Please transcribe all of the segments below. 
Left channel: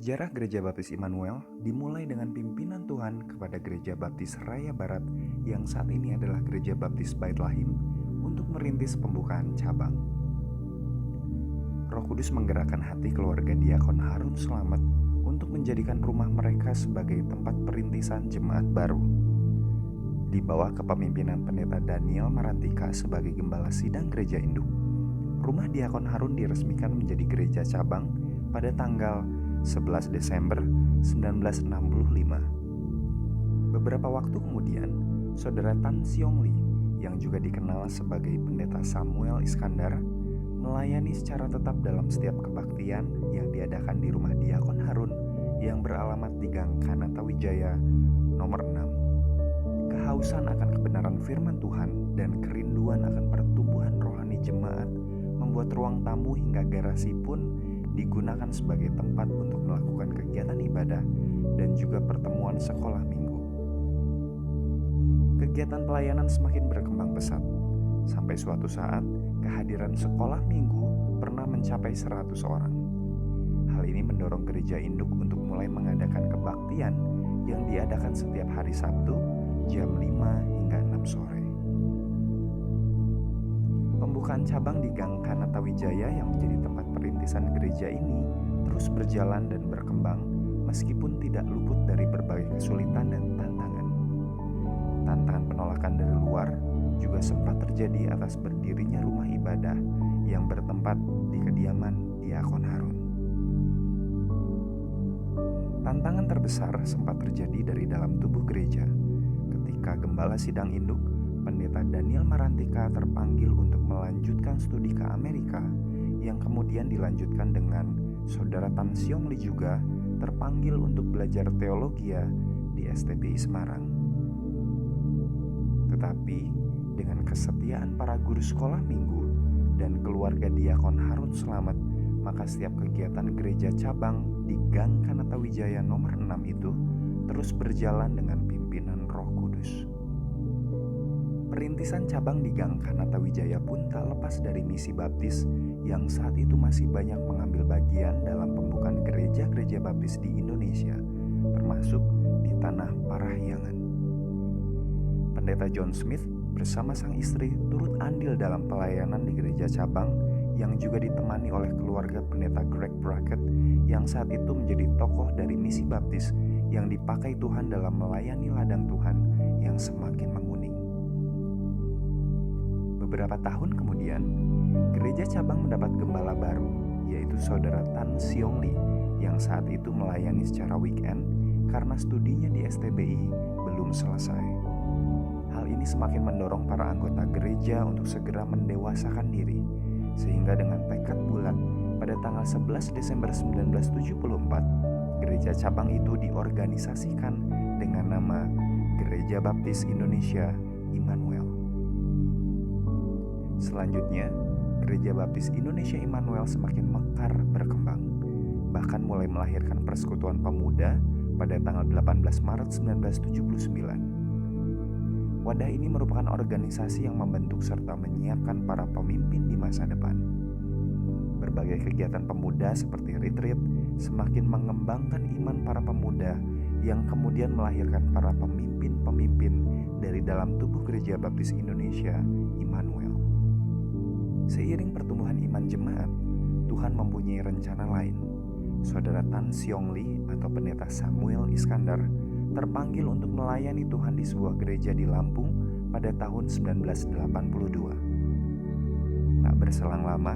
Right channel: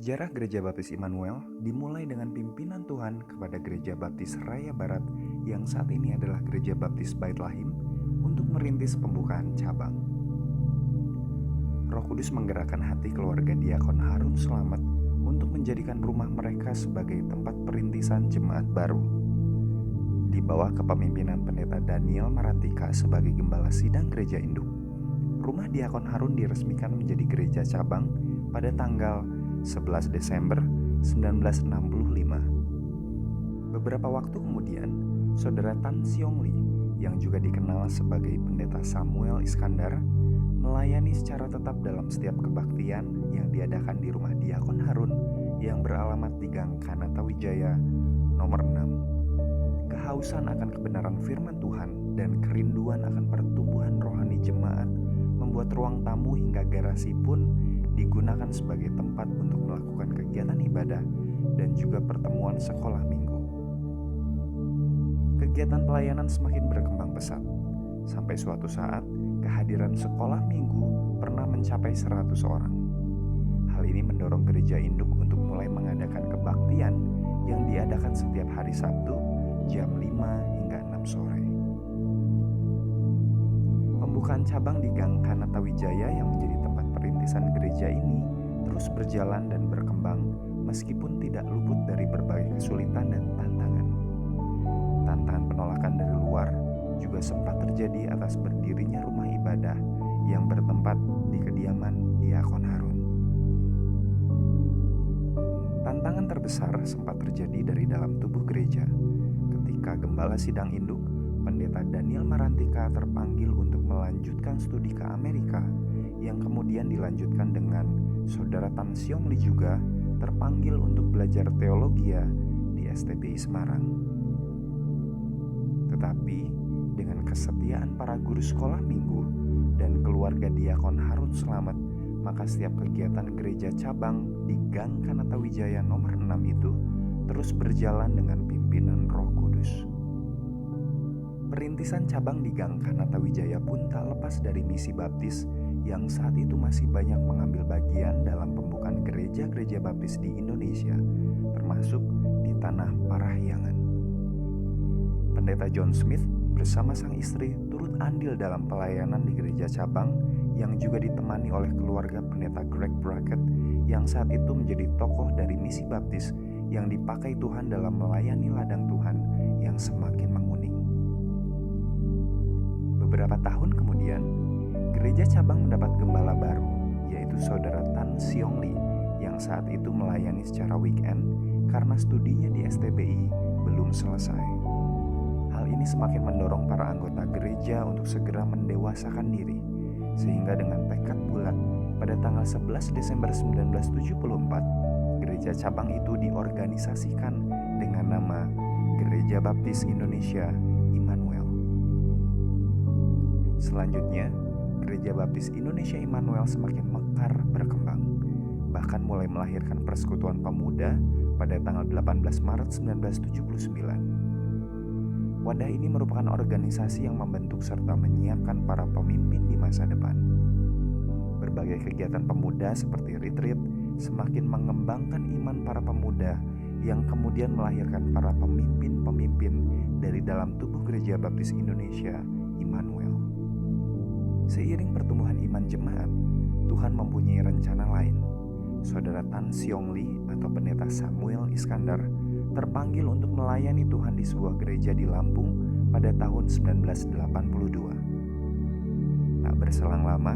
Sejarah Gereja Baptis Immanuel dimulai dengan pimpinan Tuhan kepada Gereja Baptis Raya Barat yang saat ini adalah Gereja Baptis Bait Lahim untuk merintis pembukaan cabang. Roh Kudus menggerakkan hati keluarga Diakon Harun Slamet untuk menjadikan rumah mereka sebagai tempat perintisan jemaat baru. Di bawah kepemimpinan Pendeta Daniel Marantika sebagai Gembala Sidang Gereja Induk, rumah Diakon Harun diresmikan menjadi gereja cabang pada tanggal 11 Desember 1965. Beberapa waktu kemudian, Saudara Tan Siong Lee yang juga dikenal sebagai Pendeta Samuel Iskandar melayani secara tetap dalam setiap kebaktian yang diadakan di rumah Diakon Harun yang beralamat di Gang Kanata Wijaya nomor 6. Kehausan akan kebenaran firman Tuhan dan kerinduan akan pertumbuhan rohani jemaat membuat ruang tamu hingga garasi pun digunakan sebagai tempat untuk melakukan kegiatan ibadah dan juga pertemuan sekolah minggu. Kegiatan pelayanan semakin berkembang pesat, sampai suatu saat kehadiran sekolah minggu pernah mencapai 100 orang. Hal ini mendorong gereja induk untuk mulai mengadakan kebaktian yang diadakan setiap hari Sabtu jam 5 hingga 6 sore. Pembukaan cabang di Gang Kanata Wijaya yang menjadi tempat perintisan gereja ini terus berjalan dan berkembang meskipun tidak luput dari berbagai kesulitan dan tantangan. Tantangan penolakan dari luar juga sempat terjadi atas berdirinya rumah ibadah yang bertempat di kediaman Diakon Harun. Tantangan terbesar sempat terjadi dari dalam tubuh gereja ketika Gembala Sidang Induk Pendeta Daniel Marantika terpanggil untuk melanjutkan studi ke Amerika yang kemudian dilanjutkan dengan Saudara Tan Siong Lee juga terpanggil untuk belajar teologi di STBI Semarang. Tetapi dengan kesetiaan para guru sekolah minggu dan keluarga Diakon Harun Slamet, maka setiap kegiatan gereja cabang di Gang Kanata Wijaya nomor 6 itu terus berjalan dengan pimpinan Roh Kudus. Perintisan cabang di Gang Kanata Wijaya pun tak lepas dari misi baptis yang saat itu masih banyak mengambil bagian dalam pembukaan gereja-gereja baptis di Indonesia, termasuk di Tanah Parahyangan. Pendeta John Smith bersama sang istri turut andil dalam pelayanan di gereja cabang yang juga ditemani oleh keluarga Pendeta Greg Brackett yang saat itu menjadi tokoh dari misi baptis yang dipakai Tuhan dalam melayani ladang Tuhan yang semakin menguning. Beberapa tahun kemudian, gereja cabang mendapat gembala baru, yaitu Saudara Tan Siong Lee yang saat itu melayani secara weekend karena studinya di STBI belum selesai. Hal ini semakin mendorong para anggota gereja untuk segera mendewasakan diri, sehingga dengan tekad bulat pada tanggal 11 Desember 1974, gereja cabang itu diorganisasikan dengan nama Gereja Baptis Indonesia Immanuel. Selanjutnya, Gereja Baptis Indonesia Immanuel semakin mekar berkembang, bahkan mulai melahirkan Persekutuan Pemuda pada tanggal 18 Maret 1979. Wadah ini merupakan organisasi yang membentuk serta menyiapkan para pemimpin di masa depan. Berbagai kegiatan pemuda seperti retreat semakin mengembangkan iman para pemuda yang kemudian melahirkan para pemimpin-pemimpin dari dalam tubuh Gereja Baptis Indonesia Immanuel. Seiring pertumbuhan iman jemaat, Tuhan mempunyai rencana lain. Saudara Tan Siong Lee atau Pendeta Samuel Iskandar terpanggil untuk melayani Tuhan di sebuah gereja di Lampung pada tahun 1982. Tak berselang lama,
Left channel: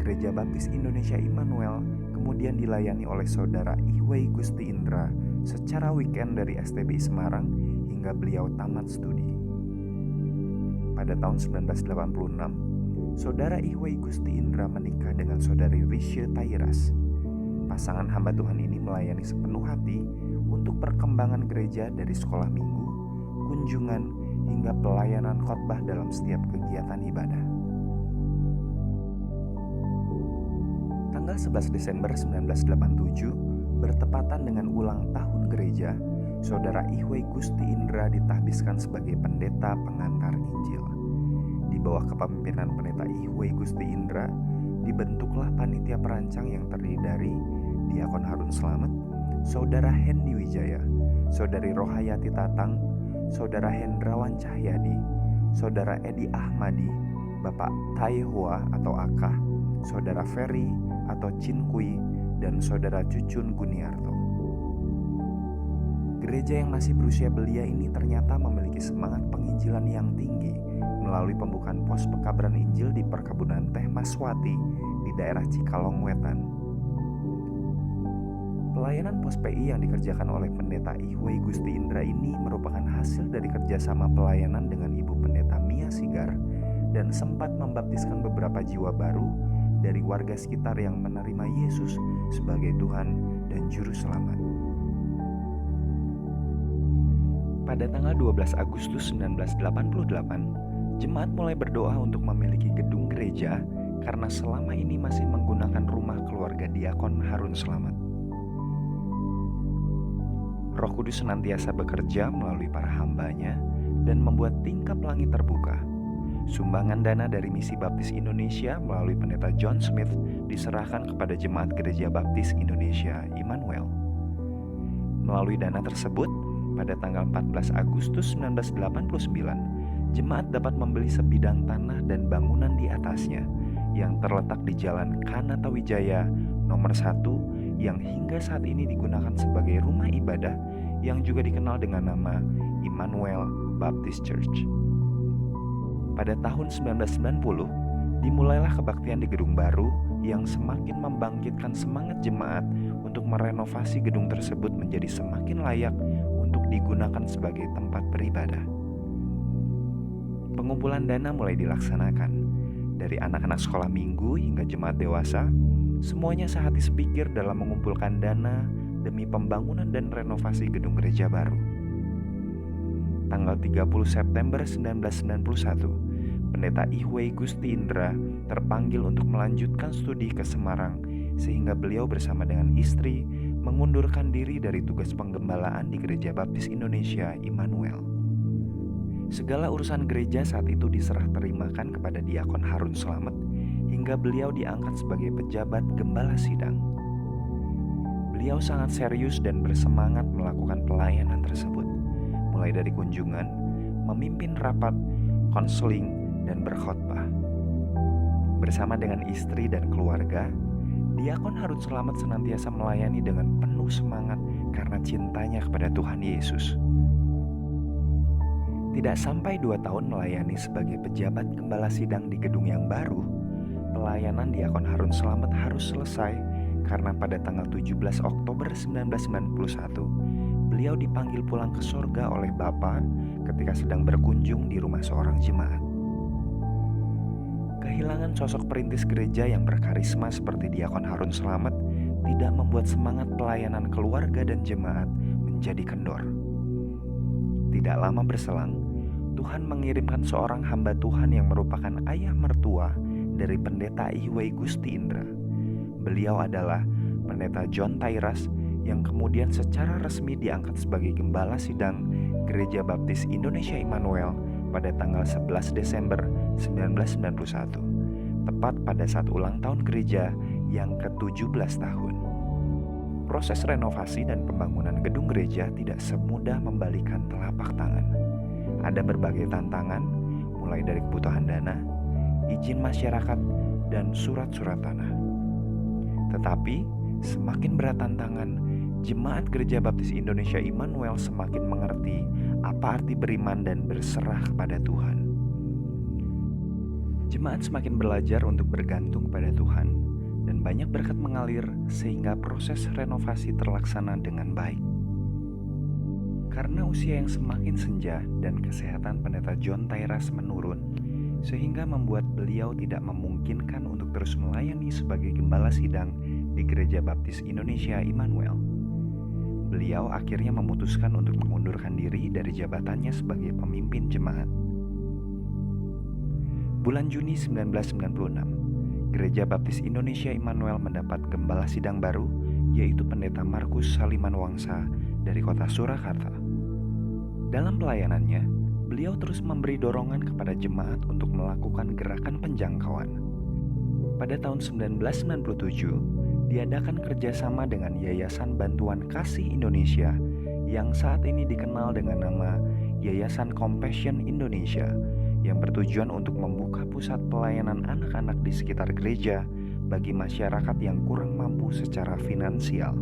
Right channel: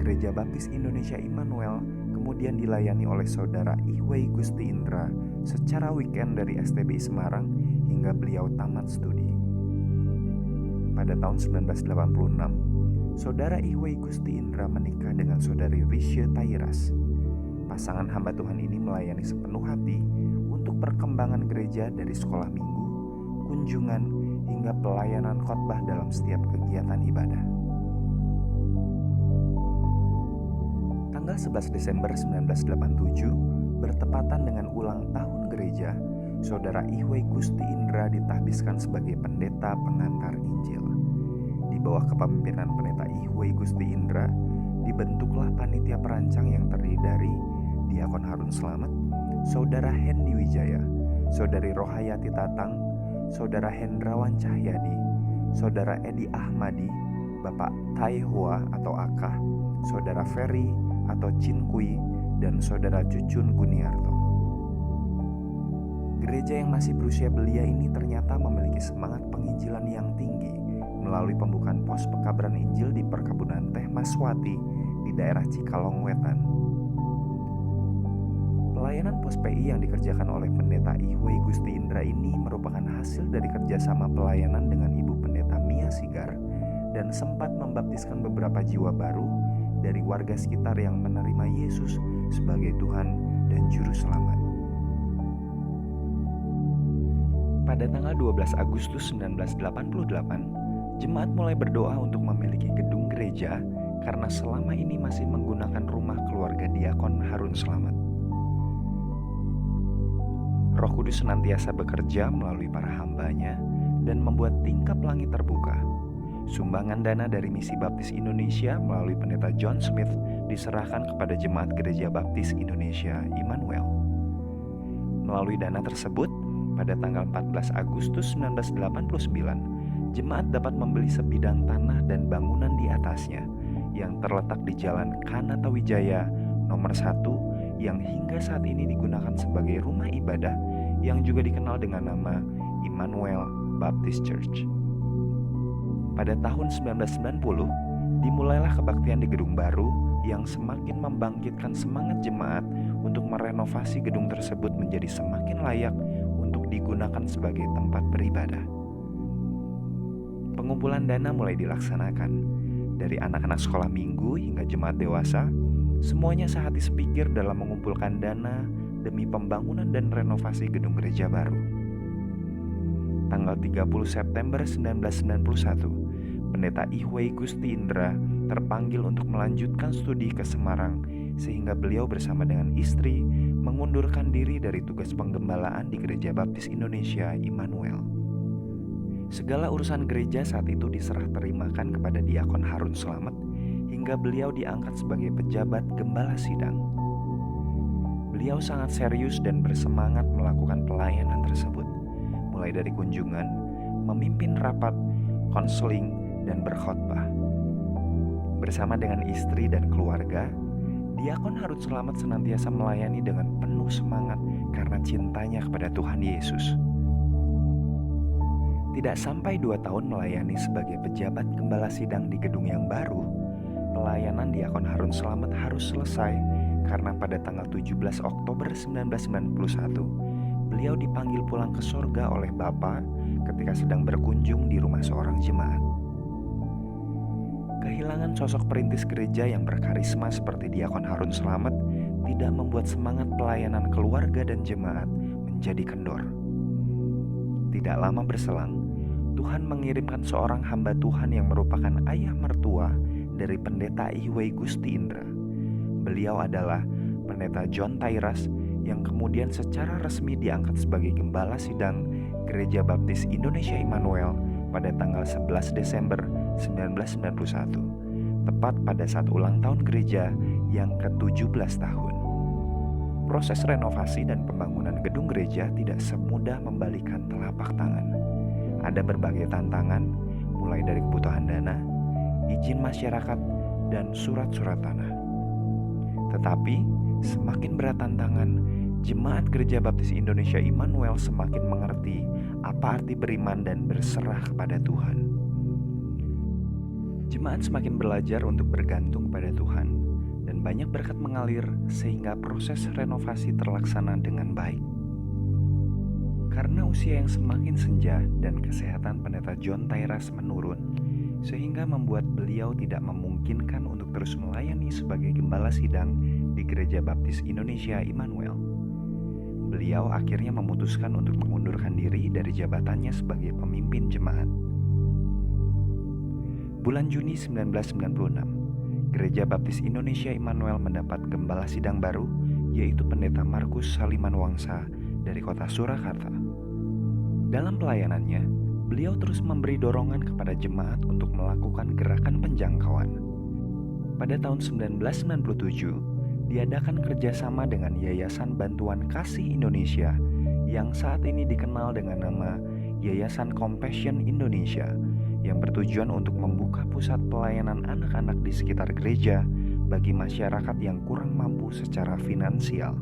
Gereja Baptis Indonesia Immanuel kemudian dilayani oleh Saudara Ihwei Gusti Indra secara weekend dari STBI Semarang hingga beliau tamat studi. Pada tahun 1986, Saudara Ihwei Gusti Indra menikah dengan Saudari Rishe Tairas. Pasangan hamba Tuhan ini melayani sepenuh hati untuk perkembangan gereja dari sekolah minggu, kunjungan, hingga pelayanan khotbah dalam setiap kegiatan ibadah. Tanggal 11 Desember 1987 bertepatan dengan ulang tahun gereja, Saudara Ihwei Gusti Indra ditahbiskan sebagai pendeta pengantar Injil. Di bawah kepemimpinan Pendeta Ihwei Gusti Indra, dibentuklah panitia perancang yang terdiri dari Diakon Harun Slamet, Saudara Hendi Wijaya, Saudari Rohayati Tatang, Saudara Hendrawan Cahyadi, Saudara Edi Ahmadi, Bapak Taihua atau Akah, Saudara Ferry atau Cinkui, dan Saudara Cucun Guniarto. Gereja yang masih berusia belia ini ternyata memiliki semangat penginjilan yang tinggi melalui pembukaan pos pekabaran Injil di perkebunan teh Maswati di daerah Cikalong Wetan. Pelayanan pos PI yang dikerjakan oleh Pendeta Ihwei Gusti Indra ini merupakan hasil dari kerjasama pelayanan dengan Ibu Pendeta Mia Sigar dan sempat membaptiskan beberapa jiwa baru dari warga sekitar yang menerima Yesus sebagai Tuhan dan Juru Selamat. Pada tanggal 12 Agustus 1988, jemaat mulai berdoa untuk memiliki gedung gereja karena selama ini masih menggunakan rumah keluarga Diakon Harun Slamet. Roh Kudus senantiasa bekerja melalui para hambanya dan membuat tingkap langit terbuka. Sumbangan dana dari Misi Baptis Indonesia melalui Pendeta John Smith diserahkan kepada Jemaat Gereja Baptis Indonesia Immanuel. Melalui dana tersebut, pada tanggal 14 Agustus 1989, jemaat dapat membeli sebidang tanah dan bangunan di atasnya yang terletak di Jalan Kanata Wijaya nomor 1 yang hingga saat ini digunakan sebagai rumah ibadah yang juga dikenal dengan nama Immanuel Baptist Church. Pada tahun 1990, dimulailah kebaktian di gedung baru yang semakin membangkitkan semangat jemaat untuk merenovasi gedung tersebut menjadi semakin layak untuk digunakan sebagai tempat beribadah. Pengumpulan dana mulai dilaksanakan. Dari anak-anak sekolah minggu hingga jemaat dewasa, semuanya sehati sepikir dalam mengumpulkan dana demi pembangunan dan renovasi gedung gereja baru. Tanggal 30 September 1991, Pendeta Ihwei Gusti Indra terpanggil untuk melanjutkan studi ke Semarang sehingga beliau bersama dengan istri mengundurkan diri dari tugas penggembalaan di Gereja Baptis Indonesia Immanuel. Segala urusan gereja saat itu diserah terimakan kepada Diakon Harun Slamet hingga beliau diangkat sebagai pejabat gembala sidang. Beliau sangat serius dan bersemangat melakukan pelayanan tersebut, mulai dari kunjungan, memimpin rapat, konseling, dan berkhotbah. Bersama dengan istri dan keluarga, Diakon Harun Slamet senantiasa melayani dengan penuh semangat karena cintanya kepada Tuhan Yesus. Tidak sampai 2 tahun melayani sebagai pejabat gembala sidang di gedung yang baru, pelayanan Diakon Harun Slamet harus selesai karena pada tanggal 17 Oktober 1991, beliau dipanggil pulang ke sorga oleh Bapa ketika sedang berkunjung di rumah seorang jemaat. Kehilangan sosok perintis gereja yang berkarisma seperti Diakon Harun Slamet tidak membuat semangat pelayanan keluarga dan jemaat menjadi kendor. Tidak lama berselang, Tuhan mengirimkan seorang hamba Tuhan yang merupakan ayah mertua dari Pendeta Ihwei Gusti Indra. Beliau adalah Pendeta John Tairas yang kemudian secara resmi diangkat sebagai gembala sidang Gereja Baptis Indonesia Immanuel pada tanggal 11 Desember 1991, tepat pada saat ulang tahun gereja yang ke-17 tahun. Proses renovasi dan pembangunan gedung gereja tidak semudah membalikan telapak tangan. Ada berbagai tantangan, mulai dari kebutuhan dana, izin masyarakat, dan surat-surat tanah. Tetapi, semakin berat tantangan, Jemaat Gereja Baptis Indonesia Immanuel semakin mengerti apa arti beriman dan berserah kepada Tuhan. Jemaat semakin belajar untuk bergantung kepada Tuhan, dan banyak berkat mengalir sehingga proses renovasi terlaksana dengan baik. Karena usia yang semakin senja dan kesehatan Pendeta John Tairas menurun, sehingga membuat beliau tidak memungkinkan untuk terus melayani sebagai gembala sidang di Gereja Baptis Indonesia Immanuel. Beliau akhirnya memutuskan untuk mengundurkan diri dari jabatannya sebagai pemimpin jemaat. Bulan Juni 1996, Gereja Baptis Indonesia Immanuel mendapat gembala sidang baru, yaitu Pendeta Markus Saliman Wangsa dari kota Surakarta. Dalam pelayanannya, beliau terus memberi dorongan kepada jemaat untuk melakukan gerakan penjangkauan. Pada tahun 1997, diadakan kerjasama dengan Yayasan Bantuan Kasih Indonesia yang saat ini dikenal dengan nama Yayasan Compassion Indonesia, yang bertujuan untuk membuka pusat pelayanan anak-anak di sekitar gereja bagi masyarakat yang kurang mampu secara finansial.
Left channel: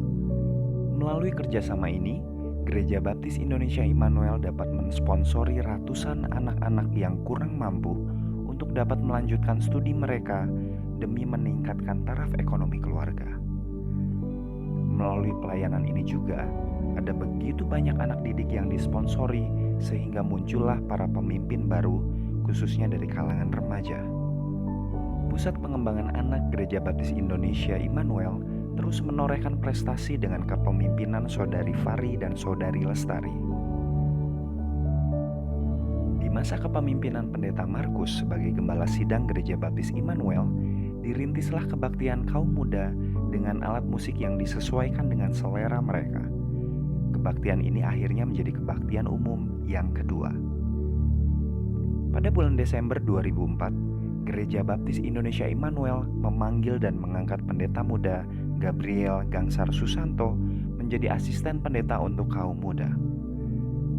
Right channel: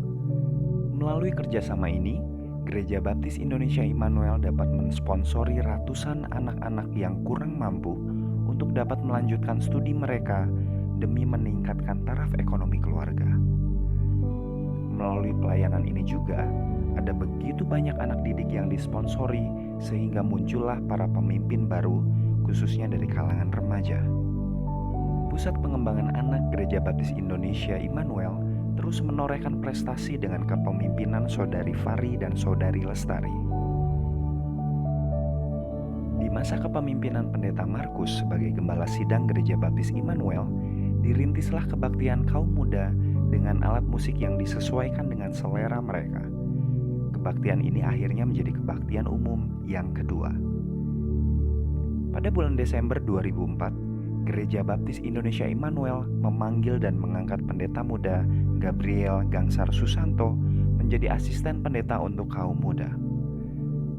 Melalui kerjasama ini, Gereja Baptis Indonesia Immanuel dapat mensponsori ratusan anak-anak yang kurang mampu untuk dapat melanjutkan studi mereka demi meningkatkan taraf ekonomi keluarga. Melalui pelayanan ini juga, ada begitu banyak anak didik yang disponsori sehingga muncullah para pemimpin baru, khususnya dari kalangan remaja. Pusat Pengembangan Anak Gereja Baptis Indonesia Immanuel terus menorehkan prestasi dengan kepemimpinan Saudari Fari dan Saudari Lestari. Di masa kepemimpinan Pendeta Markus sebagai Gembala Sidang Gereja Baptis Immanuel, dirintislah kebaktian kaum muda dengan alat musik yang disesuaikan dengan selera mereka. Kebaktian ini akhirnya menjadi kebaktian umum yang kedua. Pada bulan Desember 2004, Gereja Baptis Indonesia Immanuel memanggil dan mengangkat pendeta muda Gabriel Gangsar Susanto menjadi asisten pendeta untuk kaum muda.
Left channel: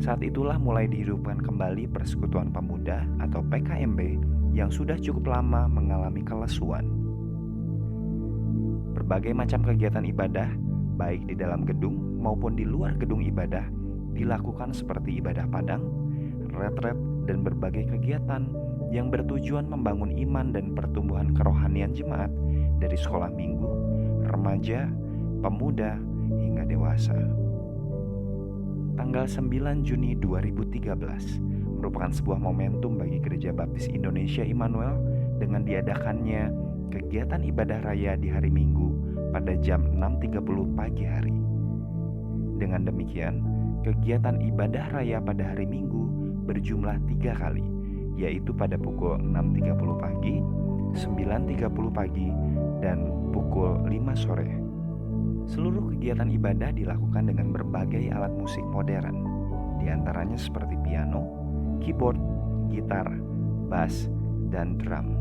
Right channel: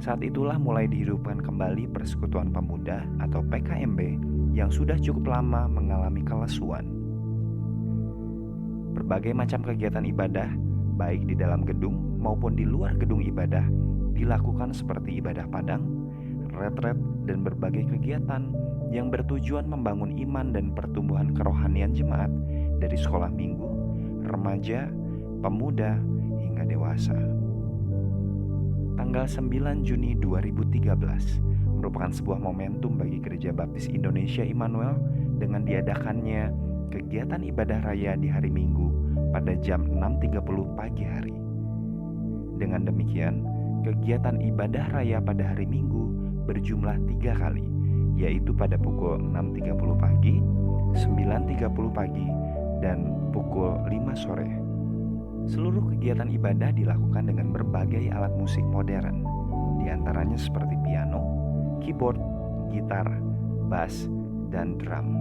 Saat itulah mulai dihidupkan kembali Persekutuan Pemuda atau PKMB yang sudah cukup lama mengalami kelesuan. Berbagai macam kegiatan ibadah, baik di dalam gedung maupun di luar gedung ibadah, dilakukan seperti ibadah padang, retret, dan berbagai kegiatan yang bertujuan membangun iman dan pertumbuhan kerohanian jemaat dari sekolah minggu, remaja, pemuda, hingga dewasa. Tanggal 9 Juni 2013 merupakan sebuah momentum bagi Gereja Baptis Indonesia Immanuel dengan diadakannya kegiatan ibadah raya di hari Minggu pada jam 6.30 pagi hari. Dengan demikian, kegiatan ibadah raya pada hari Minggu berjumlah 3 kali, yaitu pada pukul 6.30 pagi, 9.30 pagi, dan pukul 5 sore. Seluruh kegiatan ibadah dilakukan dengan berbagai alat musik modern, diantaranya seperti piano, keyboard, gitar, bass, dan drum.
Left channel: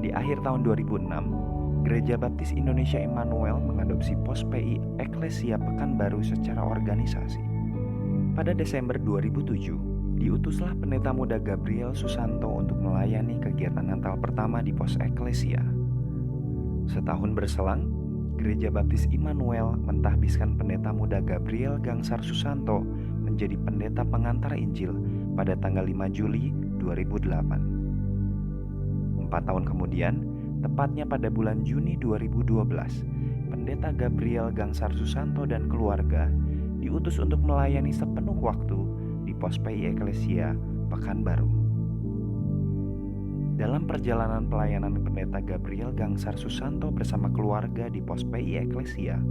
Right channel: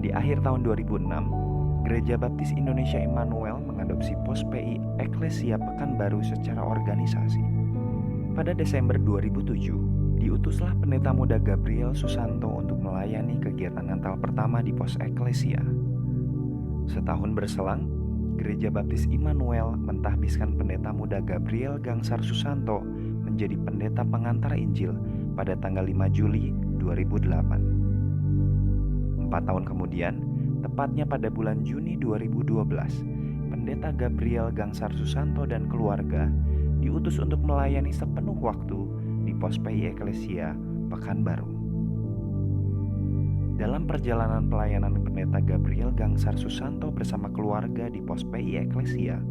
Di akhir tahun 2006, Gereja Baptis Indonesia Immanuel mengadopsi Pos PI Eklesia Pekanbaru secara organisasi. Pada Desember 2007, diutuslah pendeta muda Gabriel Susanto untuk melayani kegiatan Natal pertama di Pos Eklesia. Setahun berselang, Gereja Baptis Immanuel mentahbiskan pendeta muda Gabriel Gangsar Susanto menjadi pendeta pengantar Injil pada tanggal 5 Juli 2008. 4 tahun kemudian, tepatnya pada bulan Juni 2012, pendeta Gabriel Gangsar Susanto dan keluarga diutus untuk melayani sepenuh waktu di Pos PI Eklesia Pekanbaru. Dalam perjalanan pelayanan pendeta Gabriel Gangsar Susanto bersama keluarga di Pos PI Eklesia,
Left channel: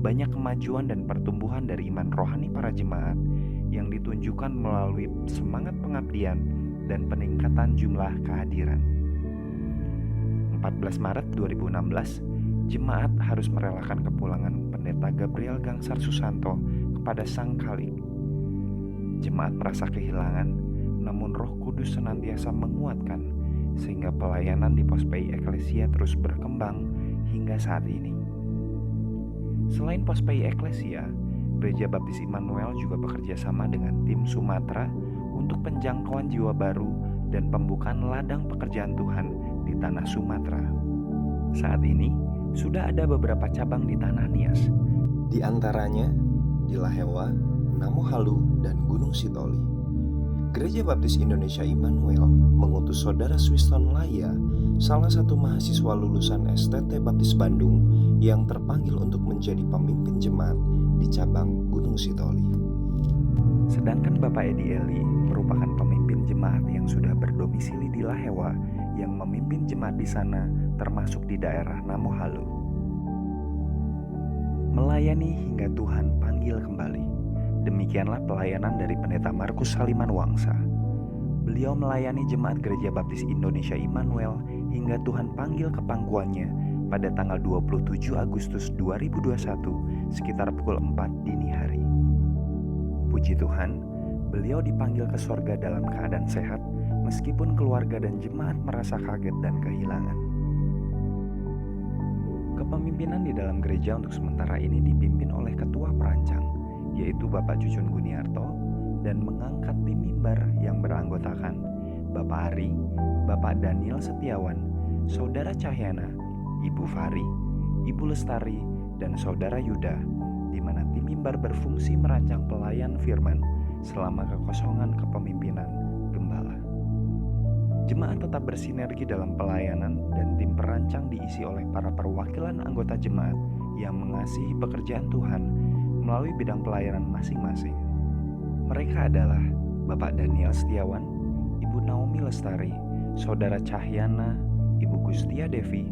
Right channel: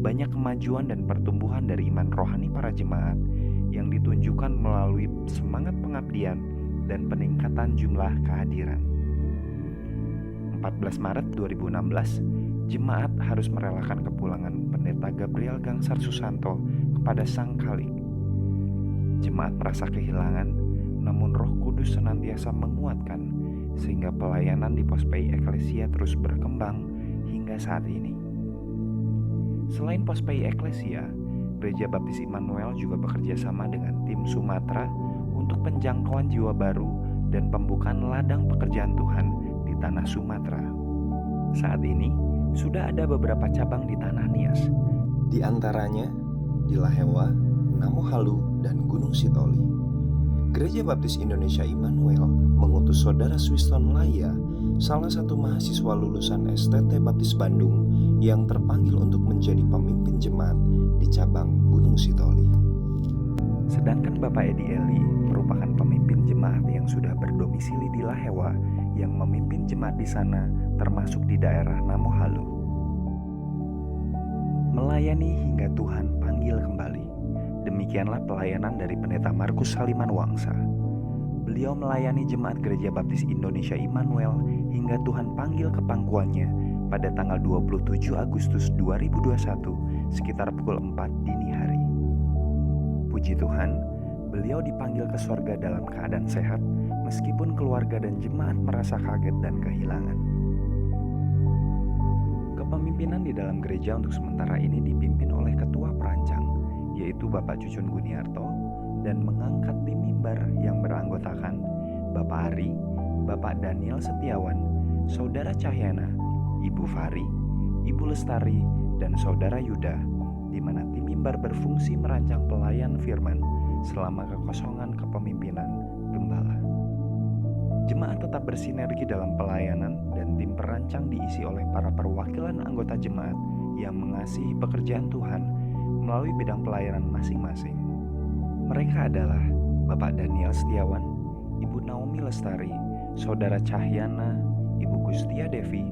banyak kemajuan dan pertumbuhan dari iman rohani para jemaat yang ditunjukkan melalui semangat pengabdian dan peningkatan jumlah kehadiran. 14 Maret 2016, jemaat harus merelakan kepulangan pendeta Gabriel Gangsar Susanto kepada Sang Khalik. Jemaat merasa kehilangan, namun Roh Kudus senantiasa menguatkan sehingga pelayanan di Pos PI Eklesia terus berkembang hingga saat ini. Selain Pos PI Eklesia, Gereja Baptis Immanuel juga bekerja sama dengan tim Sumatera untuk penjangkauan jiwa baru dan pembukaan ladang pekerjaan Tuhan di tanah Sumatera. Saat ini, sudah ada beberapa cabang di tanah Nias, di antaranya di Lahewa, Namohalu, dan Gunung Sitoli. Gereja Baptis Indonesia Immanuel mengutus Saudara Swiston Laya, salah satu mahasiswa lulusan STT Baptis Bandung yang terpanggil untuk menjadi pemimpin jemaat di cabang Gunung Sitoli. Sedangkan Bapak Edi Eli merupakan pemimpin jemaat yang sudah berdomisili di Lahewa yang memimpin jemaat di sana termasuk di daerah Namohalu. Melayani hingga Tuhan panggil kembali. Demikianlah pelayanan dari pendeta Markus Saliman Wangsa. Beliau melayani jemaat Gereja Baptis Indonesia Immanuel hingga Tuhan panggil ke pangkuannya pada tanggal 27 Agustus 2021 sekitar pukul 4 dini hari. Puji Tuhan, beliau dipanggil ke sorga dalam keadaan sehat meskipun keluarga dan jemaat merasa kaget dan kehilangan. Kepemimpinan di dalam gereja untuk sementara ini dipimpin oleh ketua perancang, yaitu Bapak Cucun Guniarto, dan mengangkat tim mimbar yang beranggotakan Bapak Ari, Bapak Daniel Setiawan, Saudara Cahyana, Ibu Fari, Ibu Lestari, dan Saudara Yuda, di mana tim mimbar berfungsi merancang pelayan firman selama kekosongan kepemimpinan gembala. Jemaat tetap bersinergi dalam pelayanan dan tim perancang diisi oleh para perwakilan anggota jemaat yang mengasihi pekerjaan Tuhan melalui bidang pelayanan masing-masing. Mereka adalah Bapak Daniel Setiawan, Ibu Naomi Lestari, Saudara Cahyana, Ibu Gustia Devi,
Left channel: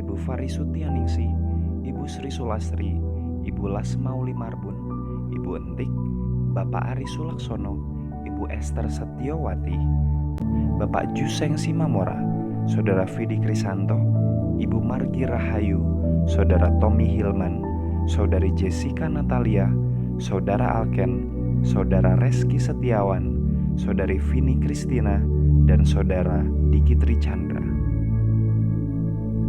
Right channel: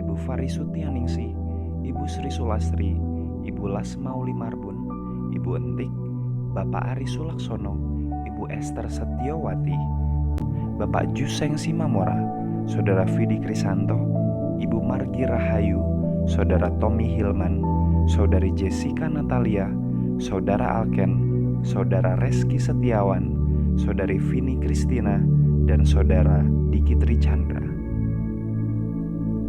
Ibu Fari Sutianingsih, Ibu Sri Sulastri, Ibu Lasmauli Marbun, Ibu Entik, Bapak Ari Sulaksono, Ibu Esther Setiawati, Bapak Juseng Simamora, Saudara Vidi Krisanto, Ibu Margi Rahayu, Saudara Tommy Hilman, Saudari Jessica Natalia, Saudara Alken, Saudara Reski Setiawan, Saudari Vini Kristina, dan Saudara Dikitri Chandra.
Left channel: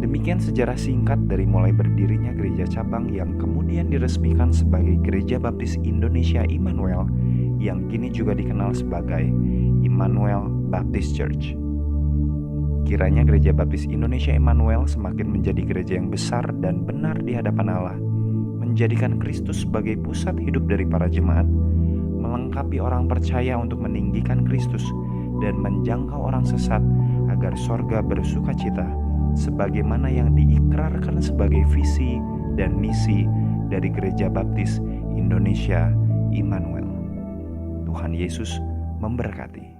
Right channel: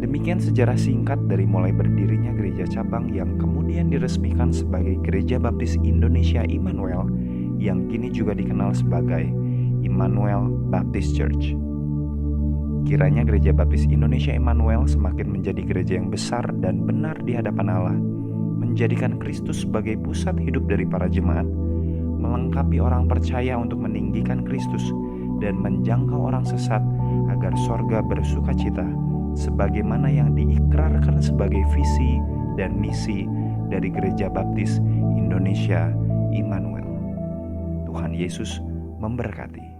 Demikian sejarah singkat dari mulai berdirinya gereja cabang yang kemudian diresmikan sebagai Gereja Baptis Indonesia Immanuel, yang kini juga dikenal sebagai Immanuel Baptist Church. Kiranya Gereja Baptis Indonesia Immanuel semakin menjadi gereja yang besar dan benar di hadapan Allah, menjadikan Kristus sebagai pusat hidup dari para jemaat, melengkapi orang percaya untuk meninggikan Kristus, dan menjangkau orang sesat agar sorga bersuka cita, sebagaimana yang diikrarkan sebagai visi dan misi dari Gereja Baptis Indonesia Immanuel. Tuhan Yesus memberkati.